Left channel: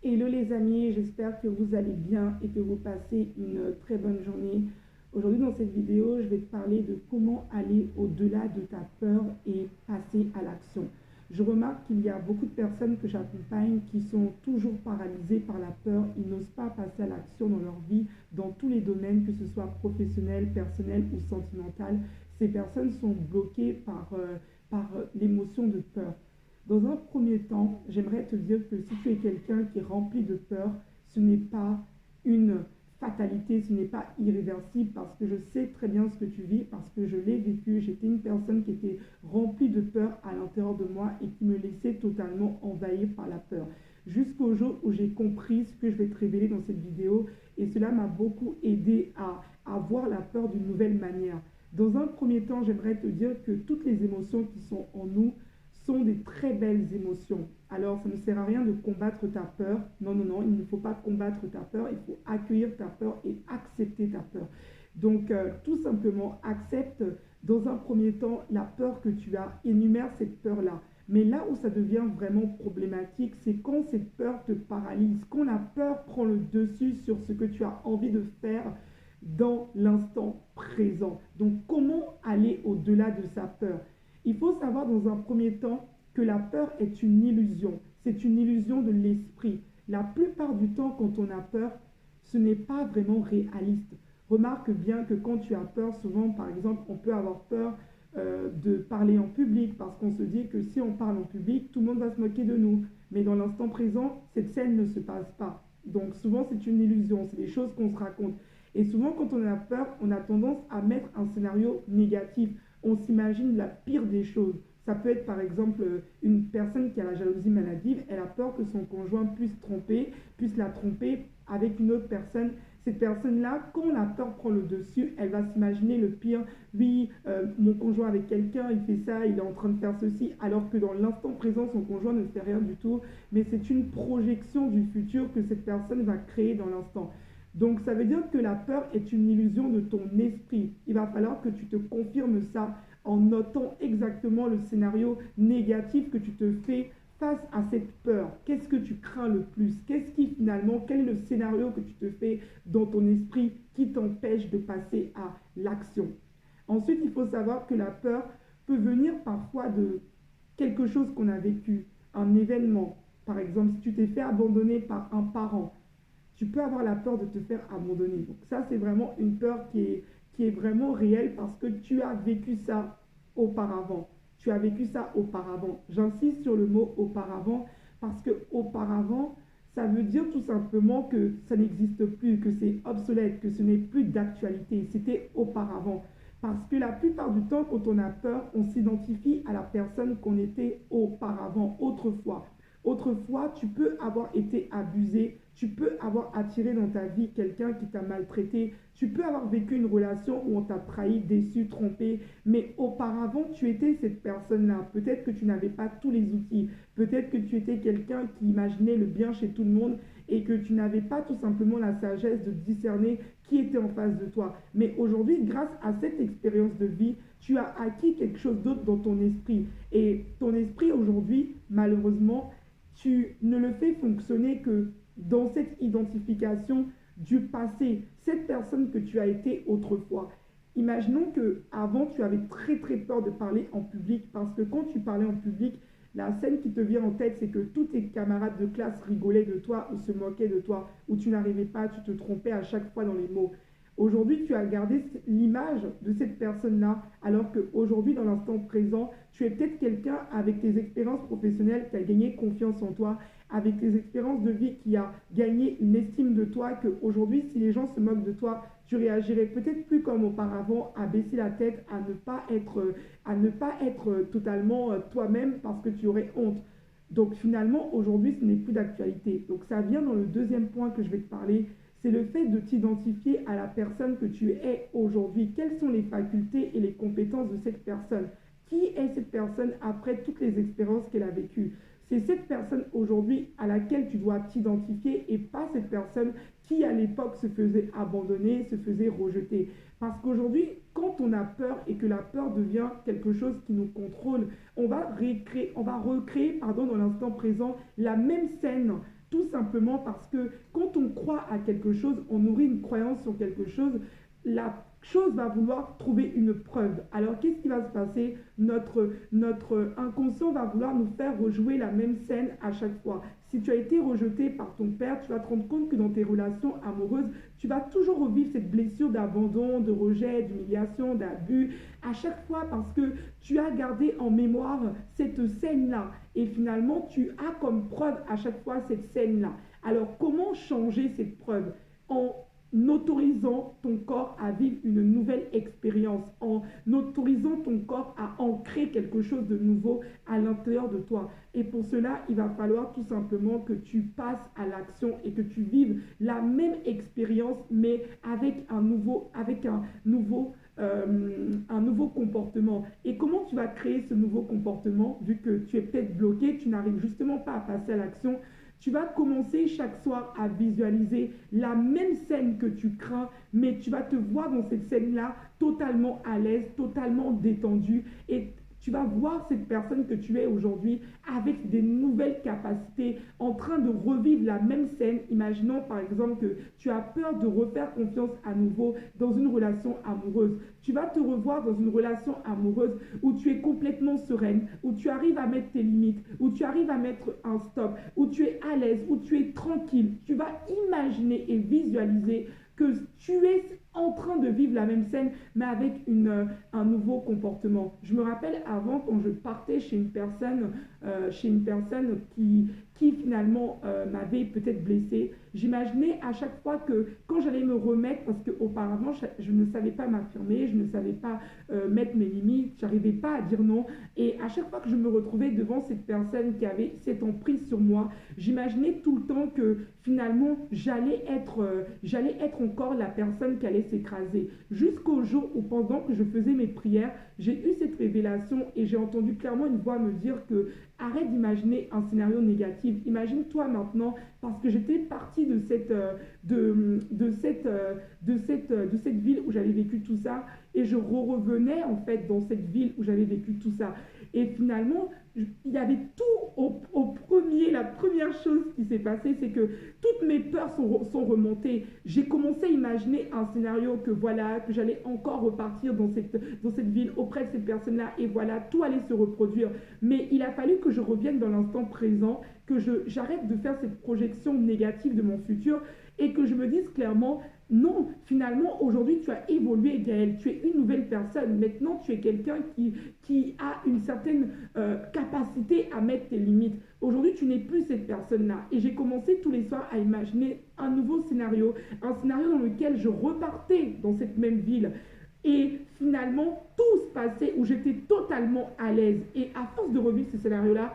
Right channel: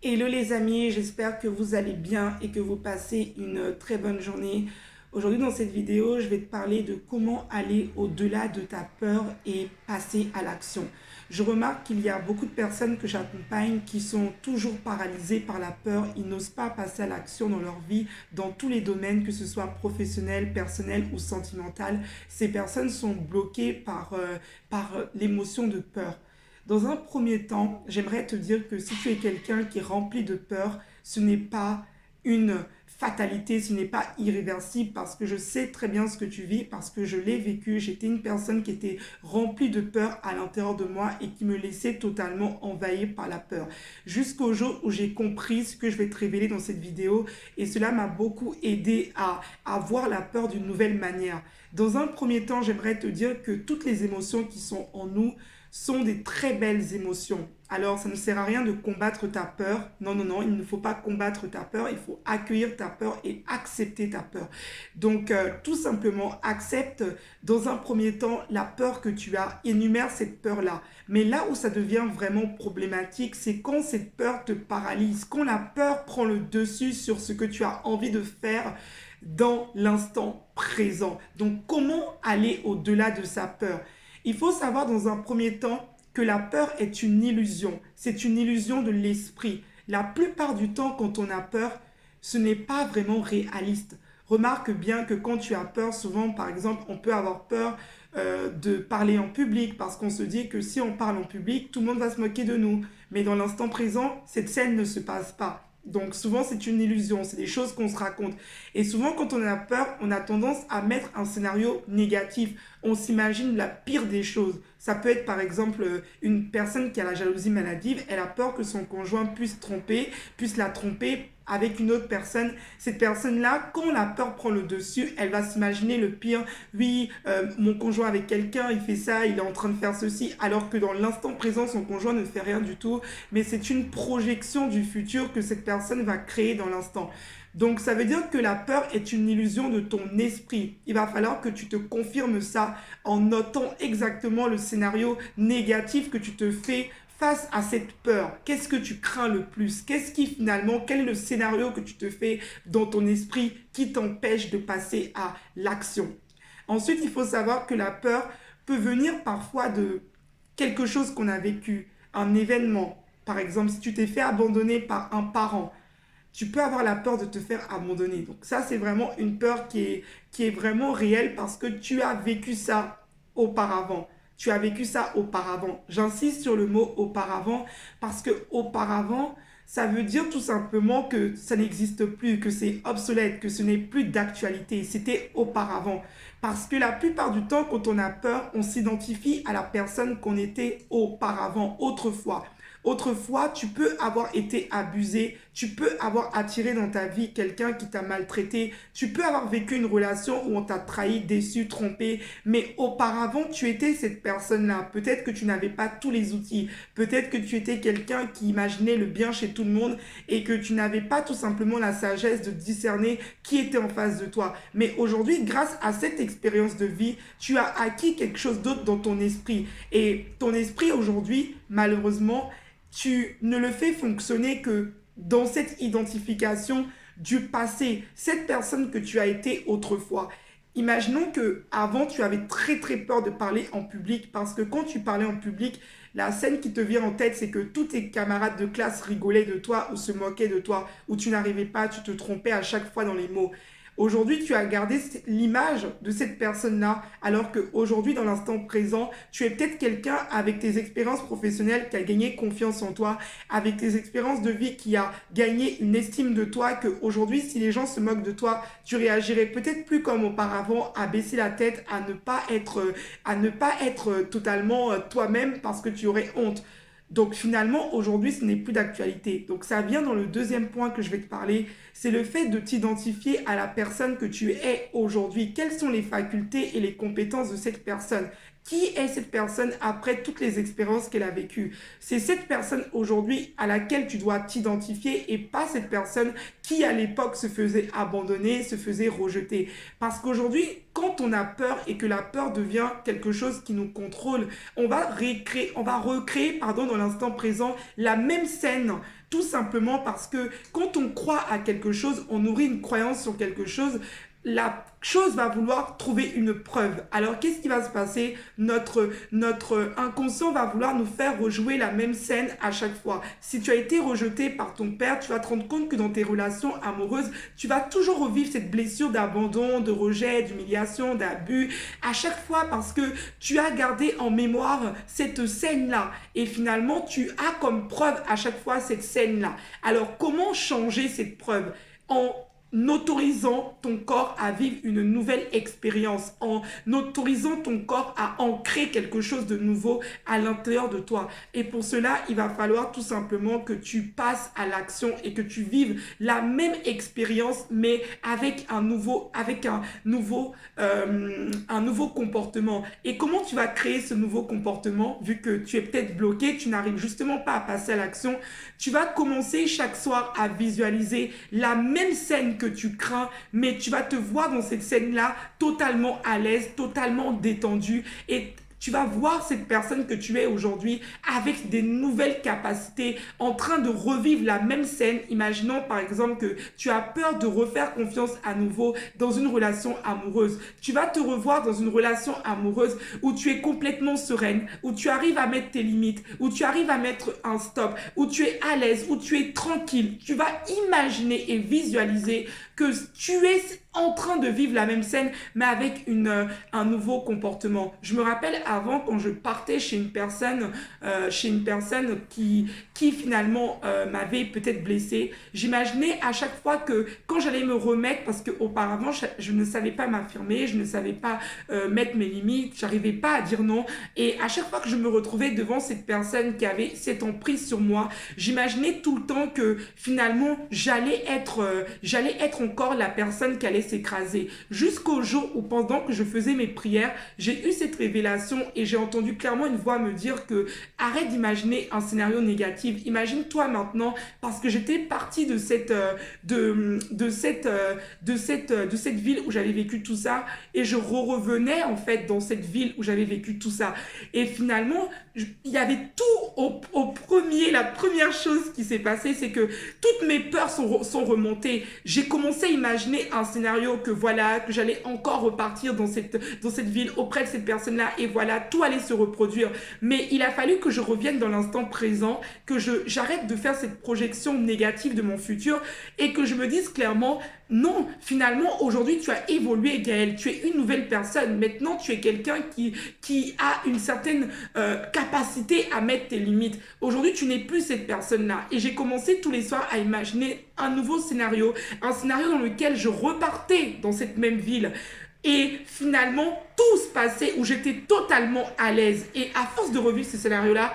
Hello les amis, j'espère que vous allez bien et que vous passez une très bonne journée. Aujourd'hui dans cette vidéo, je vais te parler de comment aller au-delà de ta peur et passer à l'action. Je remarque qu'il y a beaucoup de personnes que j'accompagne qui sont toujours paralysées par la peur. Ils n'osent pas passer à l'action dans leur vie, dans tous les domaines, que ce soit professionnel, personnel ou sentimental. Ces personnes sont bloquées par l'émotion de peur. Dans un premier temps, j'aimerais te dire que si tu es quelqu'un qui est rempli de peur, ce n'est pas une fatalité, ce n'est pas irréversible parce que je sais très bien ce que tu vis, parce que je l'ai vécu. J'étais une personne qui était remplie de peur à l'intérieur de moi et qui me laissait totalement envahir par la peur. Jusqu'au jour où j'ai compris ce que je vais te révéler dans cette vidéo et cela m'a beaucoup aidé à voir la peur d'une nouvelle manière. Dans un premier temps, j'aimerais te dire que toutes les émotions qui sont en nous sont des très belles émotions. Alors, ça ne sert à rien de combattre ta peur. Non, non, non, il ne faut pas combattre ta peur. Il faut accueillir ta peur et accepter ta peur. Donc, tout simplement, accepte dans un premier temps la peur que tu as. Énumère cette peur-là. Mais là où ça devient vraiment problématique, c'est quand cette peur te paralyse, quand la peur prend le dessus sur ce que tu as envie de faire dans l'instant présent. Donc, comment aller au-delà de sa peur? Il faut savoir dans un premier temps que la peur est une illusion. C'est une illusion de l'esprit. La plupart du temps, quand on a peur, ce n'est pas vraiment réaliste. Remarque bien que quand tu as peur, souvent, par exemple, on peut avoir peur de parler en public parce qu'on se dit que si on parle en public, tout le monde va se moquer de nous. Mais dans l'instant présent, cette scène ne se passe pas. Donc souvent, c'est une illusion, c'est des choses qu'on se raconte. Et souvent, quand on a peur, on a tendance à mettre un scénario négatif. On s'imagine la pire des choses. Ça peut être par exemple une personne qui a la jalousie maladive, elle a peur que son conjoint puisse la tromper avec une autre personne. Cette personne-là, quand la peur prend le dessus, elle va s'imaginer le pire. Oui, mon conjoint avec quelqu'un, il fait ça, il est en train de faire ceci, alors que dans l'instant présent, son conjoint ne fait rien du tout. Mais c'est une projection du futur que cette personne va créer dans l'instant. Donc ça veut dire que la peur est une illusion de ton esprit. Il va falloir que tu te confirmes ça en notant exactement le scénario négatif que tu te fais face à cette peur. Qu'est-ce que tu crains le plus? Qu'est-ce qui finalement, quel est le scénario que tu te fais dans ton esprit qui t'empêche de passer à l'action? Ensuite, il faut savoir que la peur peut venir parfois de quelque chose qu'on a vécu, un événement. Par exemple, si tu t'es fait abandonner par un parent, tu peux avoir la peur de te faire abandonner. Donc ça, c'est vraiment une peur qui est vraiment réelle parce que tu as vécu ça auparavant. Tu as vécu ça auparavant. J'insiste sur le mot auparavant parce que auparavant, ça veut dire tout simplement que ça n'existe plus, que c'est obsolète, que ce n'est plus d'actualité. C'était auparavant. Parce que la plupart du temps, quand on a peur, on s'identifie à la personne qu'on était auparavant, autrefois. Autrefois, tu peux avoir été abusé, tu peux avoir attiré dans ta vie quelqu'un qui t'a maltraité, tu peux avoir vécu une relation où on t'a trahi, déçu, trompé, mais auparavant, tu étais cette personne-là. Peut-être que tu n'avais pas tous les outils, peut-être que tu étais quelqu'un qui imaginait le bien chez tout le monde et que tu n'avais pas tout simplement la sagesse de discerner qui était en face de toi. Mais aujourd'hui, grâce à cette expérience de vie, tu as acquis quelque chose d'autre dans ton esprit. Et ton esprit aujourd'hui, malheureusement, tu ne le fais fonctionner que dans cette identification du passé, cette personne que tu as été autrefois. Imaginons que avant tu avais très très peur de parler en public parce que quand tu parlais en public, la scène qui te vient en tête, c'est que tous tes camarades de classe rigolaient de toi ou se moquaient de toi, ou tu n'arrivais pas, tu te trompais à chaque fois dans les mots. Aujourd'hui, tu as gardé l'image de cette personne-là, alors qu'aujourd'hui, dans l'instant présent, tu es peut-être quelqu'un avec tes expériences professionnelles qui a gagné confiance en toi, avec tes expériences de vie qui a gagné une estime de toi, qu'aujourd'hui, si les gens se moquent de toi, tu réagirais peut-être plus comme auparavant, à baisser la tête, à ne pas être totalement toi-même parce que tu aurais honte. Donc finalement, aujourd'hui, ce n'est plus d'actualité. Donc ça vient dans le deuxième point que je vais te parler, c'est le fait de t'identifier à la personne que tu es aujourd'hui. Quelles sont les facultés et les compétences de cette personne? Qui est cette personne après toutes les expériences qu'elle a vécues? C'est cette personne aujourd'hui à laquelle tu dois t'identifier et pas cette personne qui à l'époque se faisait abandonner, se faisait rejeter. Parce qu'aujourd'hui, quand on a peur et que la peur devient quelque chose qui nous contrôle, on va recréer dans l'instant présent la même scène. Tout simplement parce que quand on croit à quelque chose, on nourrit une croyance sur quelque chose, la chose va vouloir trouver une preuve. Alors, qu'est-ce qui va se passer? Notre inconscient va vouloir nous faire rejouer la même scène à chaque fois. Si tu as été rejeté par ton père, tu vas te rendre compte que dans tes relations amoureuses, tu vas toujours revivre cette blessure d'abandon, de rejet, d'humiliation, d'abus, à chaque fois parce que tu as gardé en mémoire cette scène-là. Et finalement, tu as comme preuve à chaque fois cette scène-là. Alors, comment changer cette preuve? En autorisant ton corps à vivre une nouvelle expérience, en autorisant ton corps à ancrer quelque chose de nouveau à l'intérieur de toi. Et pour cela, il va falloir tout simplement que tu passes à l'action et que tu vives la même expérience, mais avec un nouveau comportement. Et comment tu vas créer ce nouveau comportement, vu que tu es peut-être bloqué, tu n'arrives justement pas à passer à l'action? Tu vas commencer chaque soir à visualiser la même scène que tu crains, mais tu vas te voir dans cette scène-là totalement à l'aise, totalement détendu, et tu vas voir cette personne que tu es aujourd'hui avec des nouvelles capacités, en train de revivre la même scène. Imaginons par exemple que tu as peur de refaire confiance à nouveau dans une relation amoureuse. Tu vas te revoir dans une relation amoureuse où tu es complètement sereine, où tu arrives à mettre tes limites, où tu arrives à mettre un stop, où tu es à l'aise, où tu es tranquille. Tu vas imaginer et visualiser que tu es en train de vivre la même scène, mais avec un nouveau comportement. Je me rappelle avant, quand je partais chez une personne qui finalement m'avait peut-être blessée, j'imaginais à chaque fois que quand j'allais me remettre, parce qu'auparavant, je ne savais pas m'affirmer, je ne savais pas mettre mes limites, j'arrivais pas à dire non. Et à chaque fois que je me retrouvais devant cette personne qui avait cette emprise sur moi, j'imaginais tout le temps que finalement, j'allais être encore la personne qui allait s'écraser. Jusqu'au jour où, pendant que je faisais mes prières, j'ai eu cette révélation et j'ai entendu clairement une voix me dire que arrête d'imaginer un scénario négatif. Imagine-toi maintenant, parce que j'étais partie de cette ville où j'avais vécu tout ça, et je revenais en fait dans cette ville où j'avais vécu tout ça. Et finalement, il y avait tout la première chose qui s'est passée, c'est que toutes mes peurs sont remontées. J'ai commencé à imaginer un scénario que j'allais encore repartir dans cette ville auprès de cette personne-là, et voilà, tout allait se reproduire. Mais il a fallu que je revienne dans l'instant présent, que j'arrête de faire cette projection négative de mon futur et que je me dise clairement: non, finalement, aujourd'hui, tu as évolué, Gaël. Tu es une nouvelle personne. Maintenant, tu es quelqu'un qui a une certaine capacité à mettre tes limites. Aujourd'hui, tu n'es plus cette personne-là. Et j'ai commencé tous les soirs à imaginer un nouveau scénario. Un scénario dans lequel je repartais dans cette même ville. Et finalement, tout se passait où j'étais totalement à l'aise. Et à force de revivre ce scénario-là,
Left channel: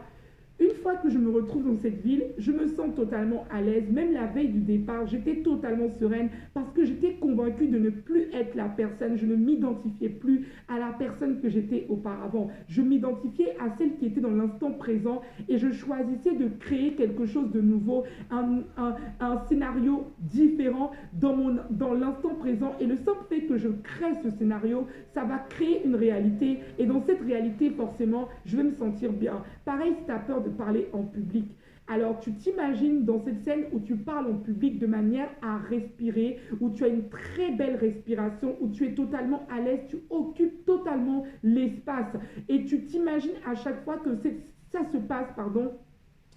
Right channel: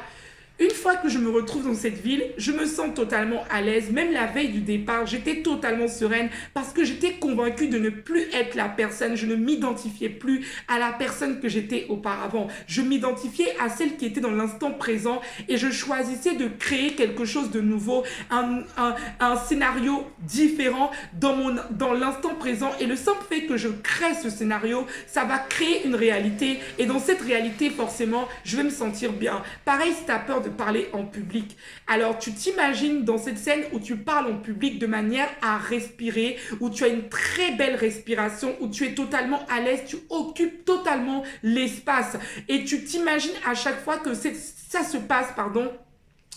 une fois que je me retrouve dans cette ville, je me sens totalement à l'aise. Même la veille du départ, j'étais totalement sereine parce que j'étais convaincue de ne plus être la personne. Je ne m'identifiais plus à la personne que j'étais auparavant. Je m'identifiais à celle qui était dans l'instant présent et je choisissais de créer quelque chose de nouveau, un scénario différent dans l'instant présent. Et le simple fait que je crée ce scénario, ça va créer une réalité. Et dans cette réalité, forcément, je vais me sentir bien. Pareil, si tu as peur de parler en public. Alors, tu t'imagines dans cette scène où tu parles en public de manière à respirer, où tu as une très belle respiration, où tu es totalement à l'aise, tu occupes totalement l'espace. Et tu t'imagines à chaque fois que ça se passe,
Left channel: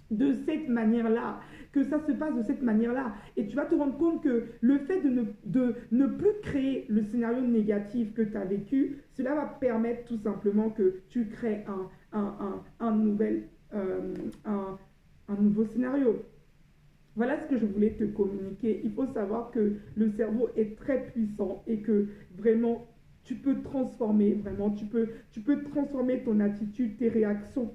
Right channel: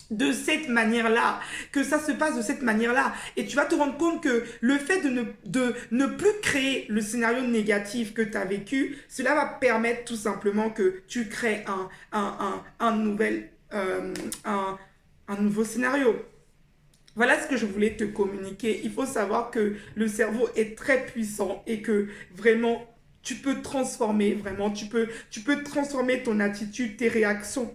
de cette manière-là, que ça se passe de cette manière-là. Et tu vas te rendre compte que le fait de ne plus créer le scénario négatif que tu as vécu, cela va permettre tout simplement que tu crées un nouveau scénario. Voilà ce que je voulais te communiquer. Il faut savoir que le cerveau est très puissant et que vraiment, tu peux transformer, tu peux transformer ton attitude, tes réactions,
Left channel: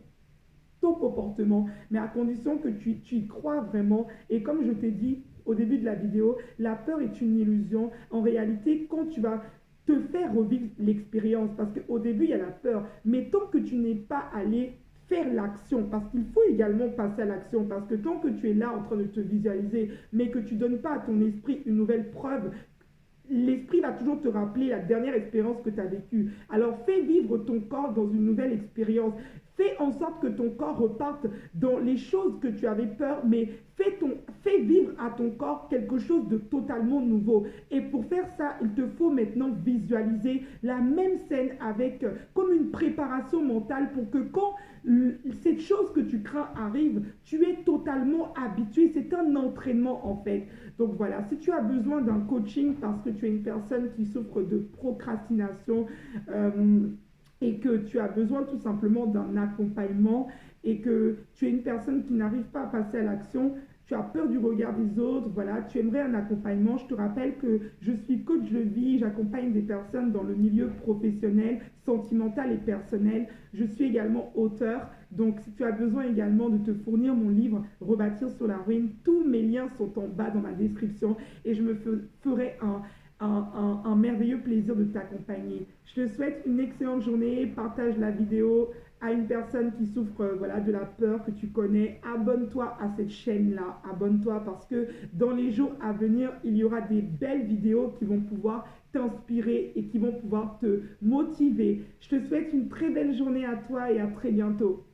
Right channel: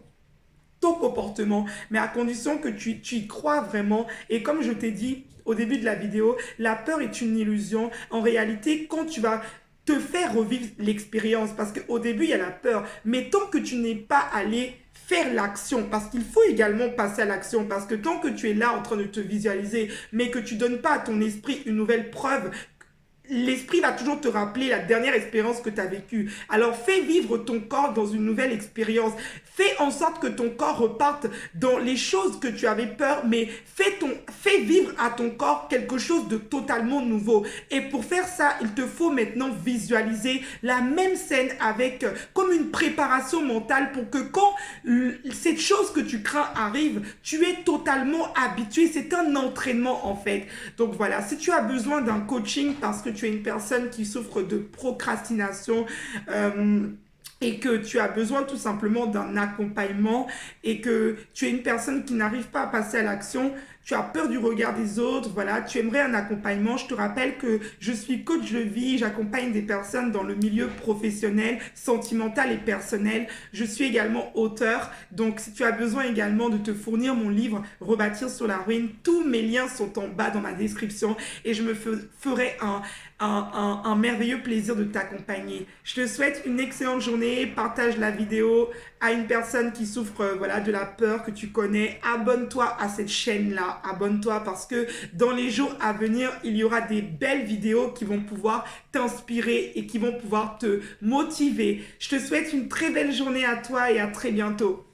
ton comportement, mais à condition que tu y crois vraiment. Et comme je t'ai dit au début de la vidéo, la peur est une illusion. En réalité, quand tu vas te faire revivre l'expérience parce qu'au début, il y a la peur. Mais tant que tu n'es pas allé faire l'action, parce qu'il faut également passer à l'action, parce que tant que tu es là en train de te visualiser, mais que tu donnes pas à ton esprit une nouvelle preuve, l'esprit va toujours te rappeler la dernière expérience que tu as vécue. Alors fais vivre ton corps dans une nouvelle expérience. Fais en sorte que ton corps reparte dans les choses que tu avais peur, mais fais vivre à ton corps quelque chose de totalement nouveau. Et pour faire ça, il te faut maintenant visualiser la même scène avec comme une préparation mentale pour que quand cette chose que tu crains arrive, tu es totalement habitué. C'est un entraînement en fait. Donc voilà, si tu as besoin d'un coaching parce que tu es une personne qui souffre de procrastination, et que tu as besoin tout simplement d'un accompagnement et que tu es une personne qui n'arrive pas à passer à l'action, tu as peur du regard des autres, voilà, tu aimerais un accompagnement, je te rappelle que je suis coach de vie, j'accompagne des personnes dans le milieu professionnel, sentimental et personnel. Je suis également auteur, donc si tu as besoin également de te fournir mon livre Rebâtir sur la ruine, tous mes liens sont en bas dans ma description et je me ferai un merveilleux plaisir de t'accompagner. Je te souhaite une excellente journée. Partage la vidéo à une personne qui souffre voilà, de la peur que tu connais. Abonne-toi à cette chaîne-là. Abonne-toi parce que dans les jours à venir, il y aura des belles vidéos qui vont pouvoir t'inspirer et qui vont pouvoir te motiver. Je te souhaite une très belle journée à toi et à très bientôt.